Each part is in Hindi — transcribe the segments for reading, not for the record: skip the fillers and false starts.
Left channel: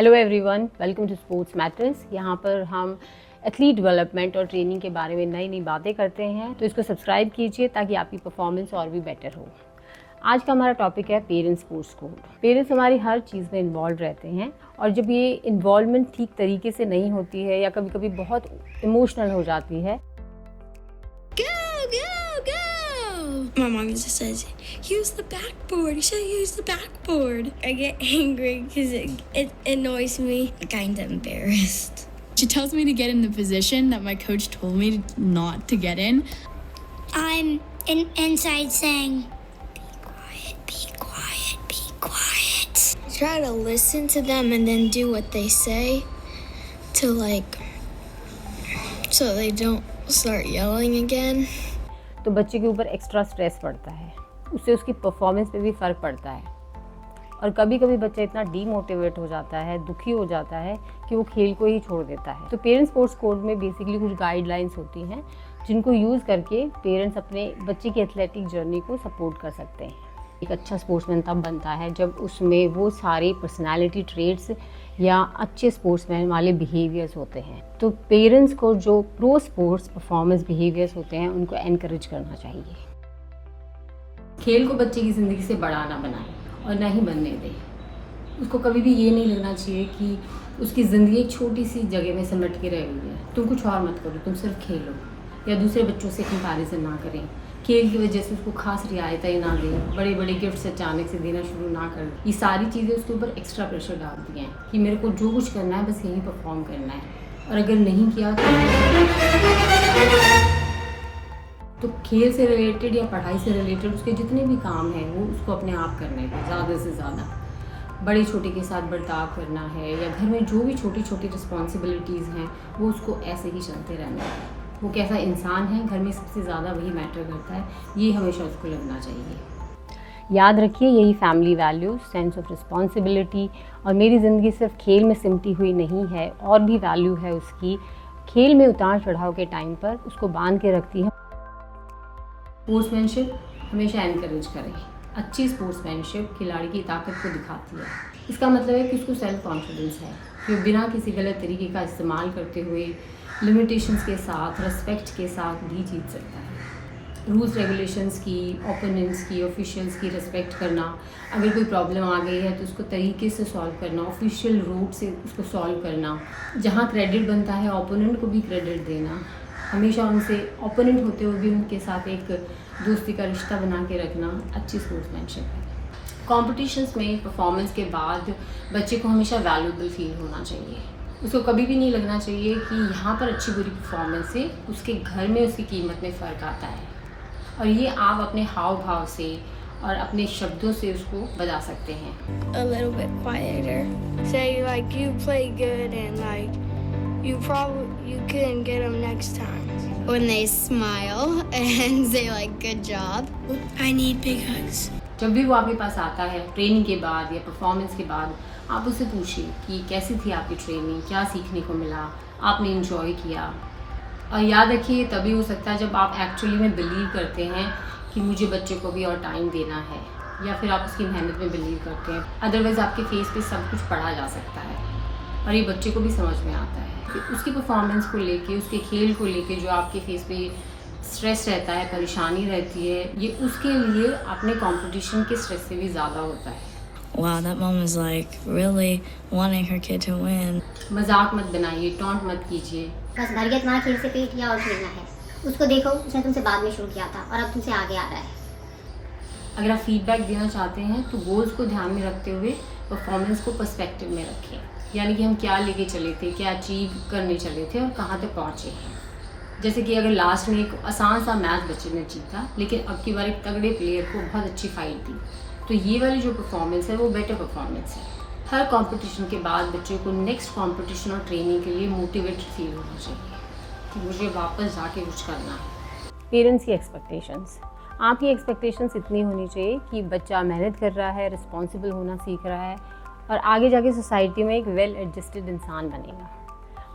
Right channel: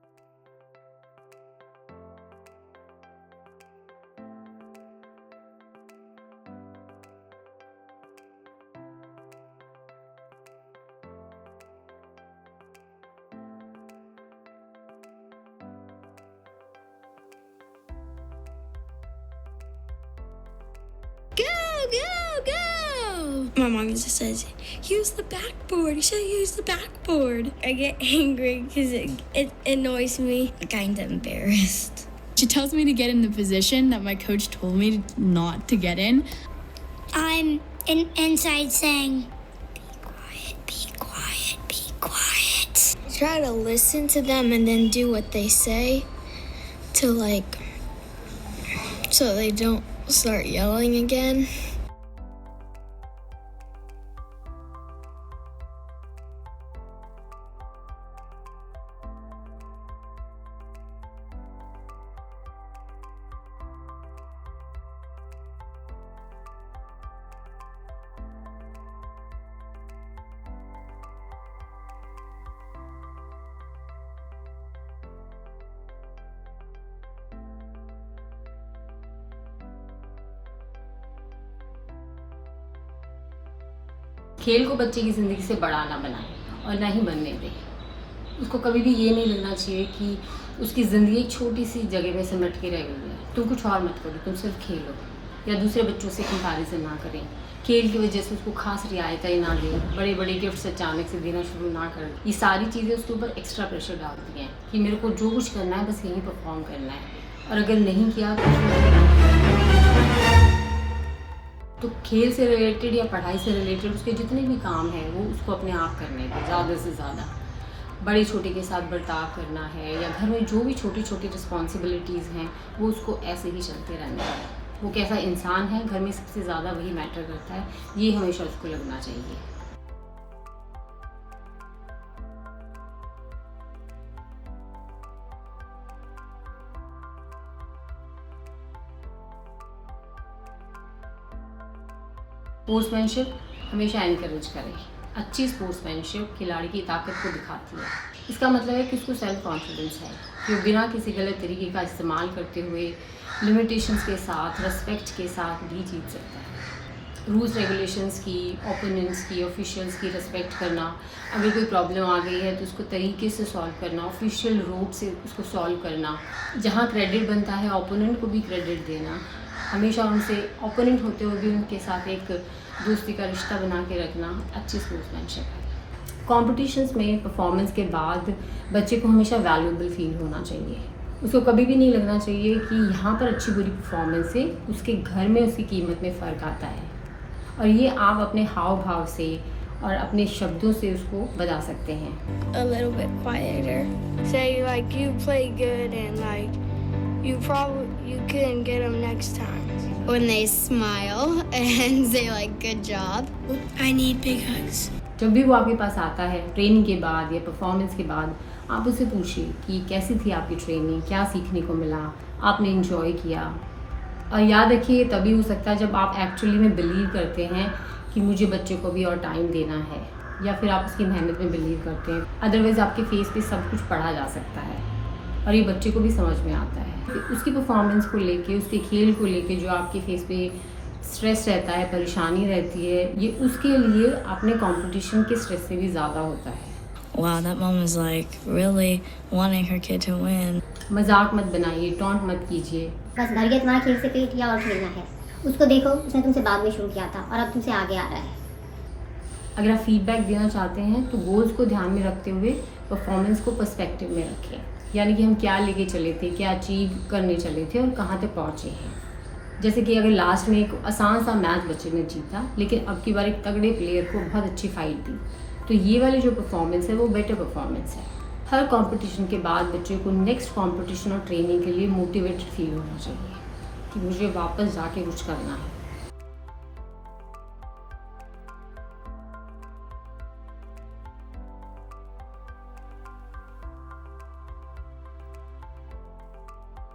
Hello everyone, welcome to sports matters. यहाँ पर हम एथलीट डेवलपमेंट और ट्रेनिंग के बारे में नई नई बातें करते हैं, तो इसको सब्सक्राइब कीजिए ताकि आपकी परफॉर्मेंस और भी बेटर हो। आज का हमारा टॉपिक है पेरेंट्स स्पोर्ट्स कोड। पेरेंट्स हमारी हर चीज़ में इन्वॉल्व रहते हैं और जब ये इन्वॉल्वमेंट ठीक तरीके से नहीं होती है या कभी कभी बहुत इमोशनल हो जाती है। My mom just says, use the backboard. You should use the backboard. I get angry because it annoys me. I'm kind of embarrassed. She tells me to get in the position that my coach told me not to get in. I'm inside saying, be quiet, be quiet, be quiet. I try to listen to them and then do what they say to so they don't start yelling again. तो बच्चे के ऊपर एक्स्ट्रा स्ट्रेस पड़ता है, उससे उसकी परफॉर्मेंस पे भी फ़र्क पड़ता है और कभी कभी बच्चा इतना डीमोटिवेट हो जाता है, दुखी हो जाता है कि वो खेल को ही छोड़ देता है। तो पेरेंट्स स्पोर्ट्स कोड में बेसिकली कुछ गाइडलाइंस होती हैं जिनको यूज़ करके पेरेंट्स अपने बच्चे की एथलेटिक जर्नी को सपोर्ट कर सकते हैं। एक अच्छा स्पोर्ट्समैन तब बनता है जब उसमें वो सारे पर्सनालिटी ट्रेट्स या अच्छे स्पोर्ट्समैन वाले बिहेवियर्स होते हैं। तो पेरेंट्स को जो प्रो स्पोर्ट्स परफॉर्मेंस बिहेवियर्स होते हैं उनको एनकरेज करना चाहिए। खेल को बच्चे की ज़िंदगी से बड़ा ना बनाएं और ना ही बनने दें। उसको कभी भी ये नहीं लगना चाहिए कि उसकी ज़िंदगी एक छोटी सी जगह में सिमट के रह गई है। तुम कुछ और मत करो, तुम सिर्फ खेलो या दूसरे बच्चों से कंपैरिजन ना करें। खेल की वजह से उसको खास रियायतें ना दें, बड़े बड़े गिफ्ट्स अचानक से देना शुरू ना करें। ये सारी चीज़ें उसके ऊपर एक्स्ट्रा प्रेशर डालती हैं कि मेरे को जो कुछ करना है बस यहीं परफॉर्म करना है और अगर नहीं किया तो खेल से रिलेटेड या पढ़ाई से रिलेटेड उसके जितने भी काम हैं वो उसको अपने आप करने दें। ज़्यादा से ज़्यादा बड़े छोटे के साथ बर्ताव करना है या घर में जो भी छोटी छोटी रिस्पॉन्सिबिलिटीज़ हैं वो उसको ऐसे ही चलते रहने हैं। वो कैसा इंसान है घर में सबसे ज़्यादा वही मैटर करता है, ये हमेशा उसको लगना चाहिए। याद रखिए, यही family values, sense of responsibility और मेरी ज़िंदगी सिर्फ खेल में सिमटी हुई नहीं है, और भी वैल्यू है उसकी। खेल में उतार चढ़ाव के टाइम पर उसको बांध के रखती है। स्पोर्ट्समैनशिप हमेशा एनकरेज करें। अच्छी स्पोर्ट्समैनशिप खिलाड़ी की ताकत को दिखाती है। इसका मतलब है कि उसको सेल्फ कॉन्फिडेंस है कि वो बिना किसी गलत तरीके का इस्तेमाल करते हुए लिमिटेशंस के साथ, रेस्पेक्ट के साथ भी जीत सकता है। रूल्स रेगुलेशंस की, ओपोनेंट्स की, ऑफिशियल्स की रेस्पेक्ट करना, अगर कोई प्रॉब्लम आ गई है तो उसको तरीके से सॉल्व करना, ऑफिशियल रूट से उसको सॉल्व करना। जहाँ क्रेडिट बनता है ओपोनेंट को भी क्रेडिट देना, हमेशा उनसे ओपोनेंट होते हुए भी उनके साथ एक दोस्ती का रिश्ता बना के रखना अच्छी स्पोर्ट्समैनशिप है। कॉम्पिटिशन्स में परफॉर्मेंस के बाद बच्चे को हमेशा वैल्यूएबल फील होना चाहिए। उसको कभी भी नहीं लगना चाहिए कि यहाँ पर अच्छी बुरी परफॉर्मेंस से उसके घर में उसकी कीमत में फ़र्क आता है, और ये आप अपने हाव भाव से और अपने शब्दों से उसको बता सकते हैं। A little bit quieter. Say like you play good and like you couldn't get them next time. When they smile and say like good job. I need big hugs. जब भी वो आपके पास आता है ट्रेनिंग के बाद या परफॉर्मेंस के बाद, आप उससे पूछिए कि कैसी थी आपकी ट्रेनिंग, क्या सीखने को मिला, आपने इन्जॉय किया। और याद रखिए, तभी हो सकता है जब आप एक्चुअली में बिलीव करते हैं कि मुझे बच्चे को भी और टाइम देना है, या फिर आप उसकी मेहनत में बिलीव करते हैं। अदरवाइज़ आपके फेस पे सब कुछ पढ़ा जा सकता है और ये बच्चे को भी समझ में आता है। तो उसकी परफॉर्मेंस को लेके, उसके खेल को लेके जो आपके फेस पे स्ट्रेस रहता है, परेशानी रहती है, ये उसके लिए अपने कंपटीशन के स्ट्रेस से भी ज़्यादा होता है। Wow, that mom is like really wanting her kid to win. मजाक मत बनाइए, टॉन्ट मत कीजिए। बस भर गया तुम्हारा खेल से पेट या और खेलना है। उसको देखो, उसने तुमसे बाद में शुरू किया था और अब तुमसे आगे आ रहा है। अगर आप फीडबैक देना चाहते हैं तो गोल्स को ध्यान में रखते हुए परफॉर्मेंस को पर्सपेक्टिव में रखें, यानी कि हम क्या लेके चले थे, क्या अचीव करने चले थे और कहाँ तक पहुँचे हैं। जैसे कि अगर लास्ट में एक आसान सा मैच बच्चे ने जीता, लेकिन अब की बार एक तगड़े प्लेयर को बहुत अच्छी फाइट दी, तो ये वाली जो परफॉर्मेंस है वो बेटर परफॉर्मेंस है। हर कंपटीशन के बाद बच्चे को नेक्स्ट कंपटीशन और ट्रेनिंग के लिए मोटिवेटेड फील होना चाहिए कि मुझे वापस जाके कुछ करना है। पेरेंट्स की एक्सपेक्टेशंस, आपकी एक्सपेक्टेशंस इतनी होनी चाहिए कि बच्चा मेहनत कर रहा है, रिस्पॉन्सिबल होना सीख रहा है और आगे जाके सोसाइटी में एक वेल एडजस्टेड इंसान बनेगा।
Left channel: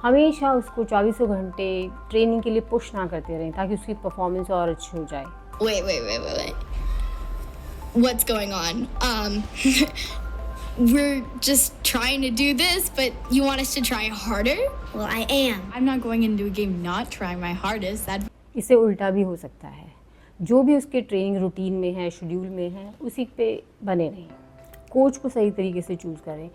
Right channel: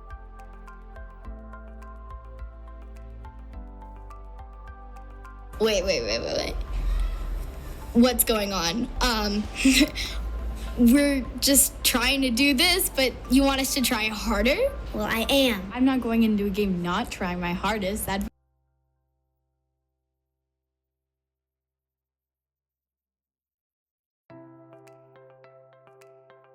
हमेशा उसको 24 घंटे ट्रेनिंग के लिए पुश ना करते रहें ताकि उसकी परफॉर्मेंस और अच्छी हो जाए। Wait. What's going on? we're just trying to do this, but you want us to try harder? Well, I am. I'm not going into a game not trying my hardest. That इससे उल्टा भी हो सकता है, जो भी उसके ट्रेनिंग रूटीन में है, शेड्यूल में है, उसी पे बने रहें। कोच को सही तरीके से चूज़ करें।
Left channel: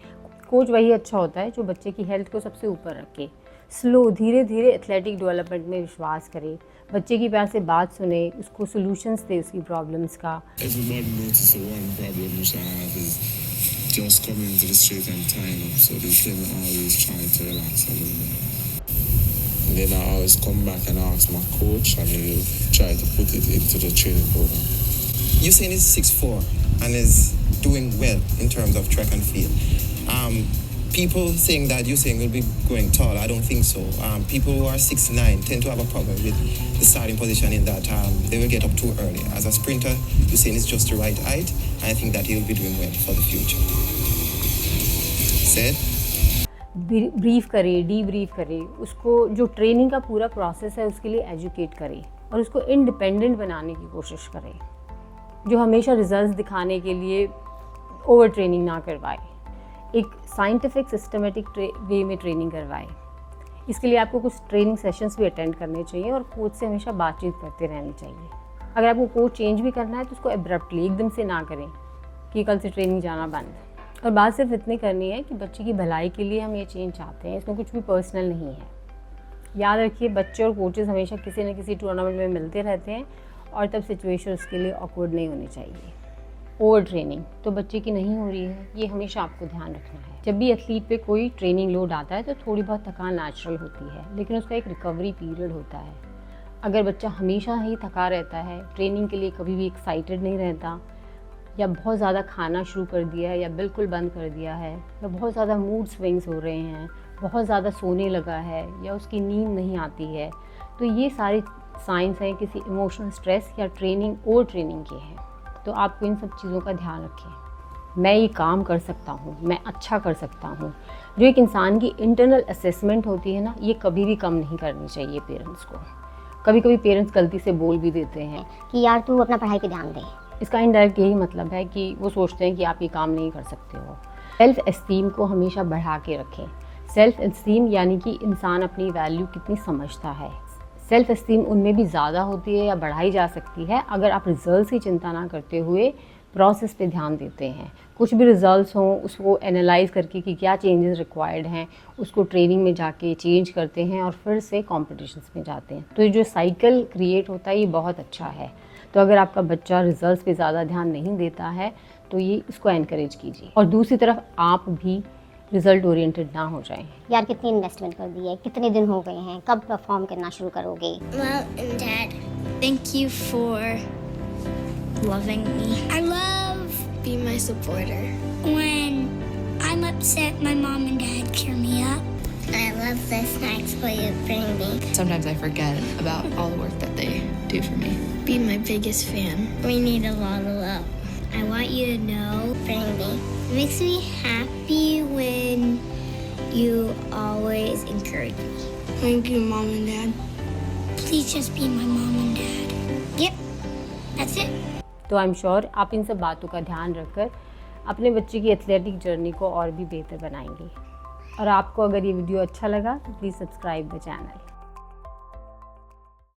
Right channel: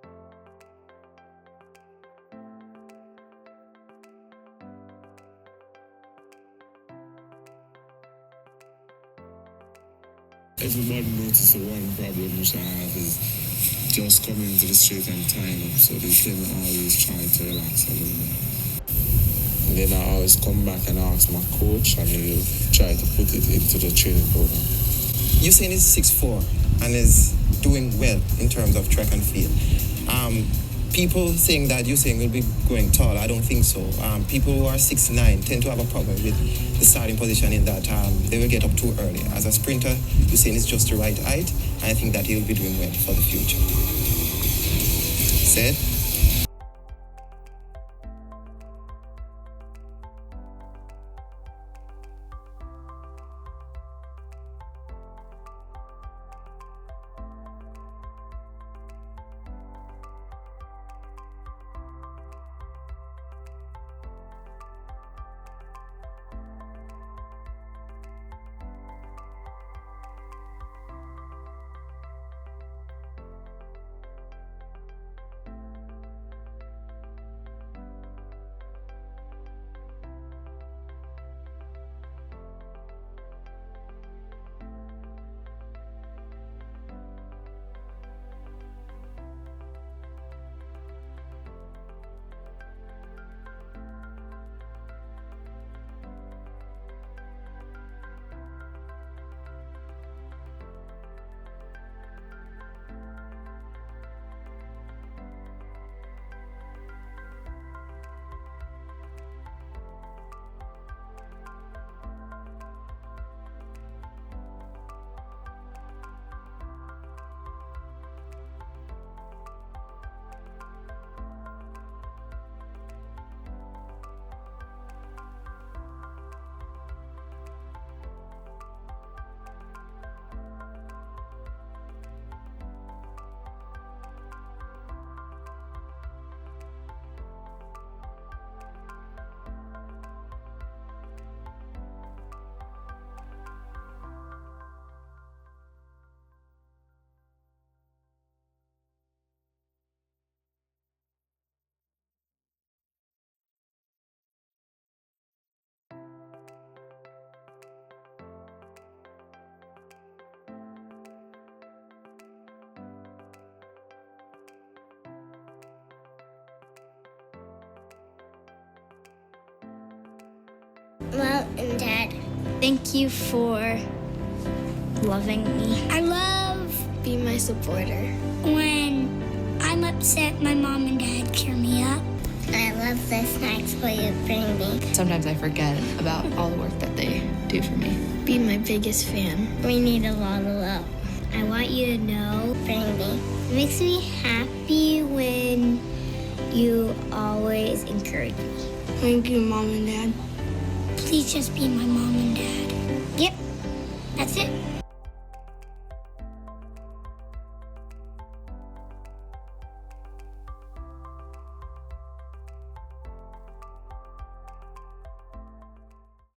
कोच वही अच्छा होता है जो बच्चे की हेल्थ को सबसे ऊपर रखे। स्लो धीरे धीरे एथलेटिक डेवलपमेंट में विश्वास करे, बच्चे की प्यार से बात सुने, उसको सॉल्यूशंस दे उसकी प्रॉब्लम्स का। Everybody notices the one problem which I have is just coming to the street and tying up, so they shouldn't always try to relax a little bit. And then I always come back and ask my coach, and he'll try to put it into the training program. Usain is 6'4" and is doing well in terms of track and field. People saying that Usain will be going tall, I don't think so. People who are 6'9" tend to have a problem with the starting position in that they will get up too early. As a sprinter, Usain is just the right height, and I think that he will be doing well for the future. Said? Brief करे, डीब्रीफ करे, उसको जो ट्रेनिंग का पूरा प्रोसेस है उसके लिए एजुकेट करे और उसको इंडिपेंडेंट बनाने की कोशिश करे। जो हमेशा रिजल्ट्स दिखाने के लिए ओवर ट्रेनिंग ना करवाए, एक साइंटिफिक सिस्टमेटिक वे में ट्रेनिंग करवाए। इसके लिए आपको कुछ ट्रेनिंग सेशंस भी अटेंड करने चाहिए और कोच से हमेशा बातचीत करते रहनी चाहिए। अगर आपको कोच चेंज भी करना है तो उसको एब्रप्टली एकदम से ना करें कि कल से ट्रेनिंग जाना बंद। और बात सिर्फ इतनी करनी है कि बच्चे की भलाई के लिए हम ये चेंज चाहते हैं, इसमें कुछ भी पर्सनल नहीं है। याद रखिए, बच्चे और कोचेस हमेशा किसी न किसी टूर्नामेंट में मिलते रहते हैं और तब सिचुएशन उसके लिए ऑकवर्ड नहीं होनी चाहिए। ओवर ट्रेनिंग तो बच्चे की नहीं हो रही है, ये हमेशा आपको ध्यान रखना है। जब भी एथलीट पे कोई ट्रेनिंग लोड आता है तो थोड़ी बहुत थकान नेचुरल होती है, लेकिन उसका एक रिकवरी पीरियड होता है। अगर बच्चा हमेशा ही थका रहता है, ट्रेनिंग के लिए कभी भी एक्साइटेड नहीं रहता, या बहुत ज़्यादा खाना शुरू कर दिया है या बिल्कुल बंद कर दिया है, या बहुत ज़्यादा मूड स्विंग्स हो रहे हैं, बहुत ज़्यादा सोने लगा है या उसकी नींद नहीं आती है, तो ये सारे साइंस हैं किसी इमोशनल स्ट्रेस या ट्रेनिंग ओवर ट्रेनिंग के हैं। तो आपको इन सब चीज़ों का ध्यान रखें। मैं ये काम कर सकता हूँ, मैं अच्छा कर सकता हूँ। जो एक इंसान की इंटरनल असेसमेंट होती है ना, ये कभी भी कम नहीं करनी चाहिए पेरेंट्स को। कभी कभी पेरेंट्स गलती से बोल भी देते हैं कि यार तू अपना पढ़ाई पे ध्यान दे। इसका इनडायरेक्ट यही मतलब है कि वो सोचते हैं कि आप ये काम नहीं कर सकते हो। सेल्फ एस्टीम को हमेशा बढ़ा के रखें। सेल्फ एस्टीम यानी कि इंसान अपनी वैल्यू कितनी समझता है। सेल्फ एस्टीम उनमें भी ज़्यादा होती है या बढ़ाई जा सकती है अगर आप रिजल्ट्स की चिंता ना करते हुए प्रोसेस पे ध्यान देते हैं। कुछ भी रिजल्ट्स हों उसको एनालाइज करके कि क्या चेंजेस रिक्वायर्ड हैं, उसको ट्रेनिंग में जाके चेंज करते हैं और फिर से कॉम्पिटिशन्स में जाते हैं। तो ये जो साइकिल क्रिएट होता है ये बहुत अच्छा है। तो अगर आपका बच्चा रिजल्ट्स पे ज़्यादा ध्यान नहीं देता है तो ये इसको एनकरेज कीजिए। और दूसरी तरफ आप भी रिजल्ट ओरिएंटेड ना हो जाएं। यार कितनी इन्वेस्टमेंट कर दी है, कितने दिन हो गए हैं, कब परफॉर्म करना शुरू करोगे? Mom and Dad, thank you for loving me. I love being my supporter. When I'm upset, my mom and dad cheer me up. I love the snacks that you bring me. sometimes I forget about all the work that they do for me. Be my biggest fan. We need a lot of love. I want you to know, bring me. It makes me happy when you always encourage me. Thank you, Mom and Dad. Please just be my mom and dad. Yep, that's it. तो आई एम श्योर आप इन सब बातों का ध्यान रखकर अपने बच्चे की एथलेटिक जर्नी को और भी बेहतर बनाएंगे। और आपको अगर ये वीडियो अच्छा लगा तो प्लीज़ सब्सक्राइब द चैनल।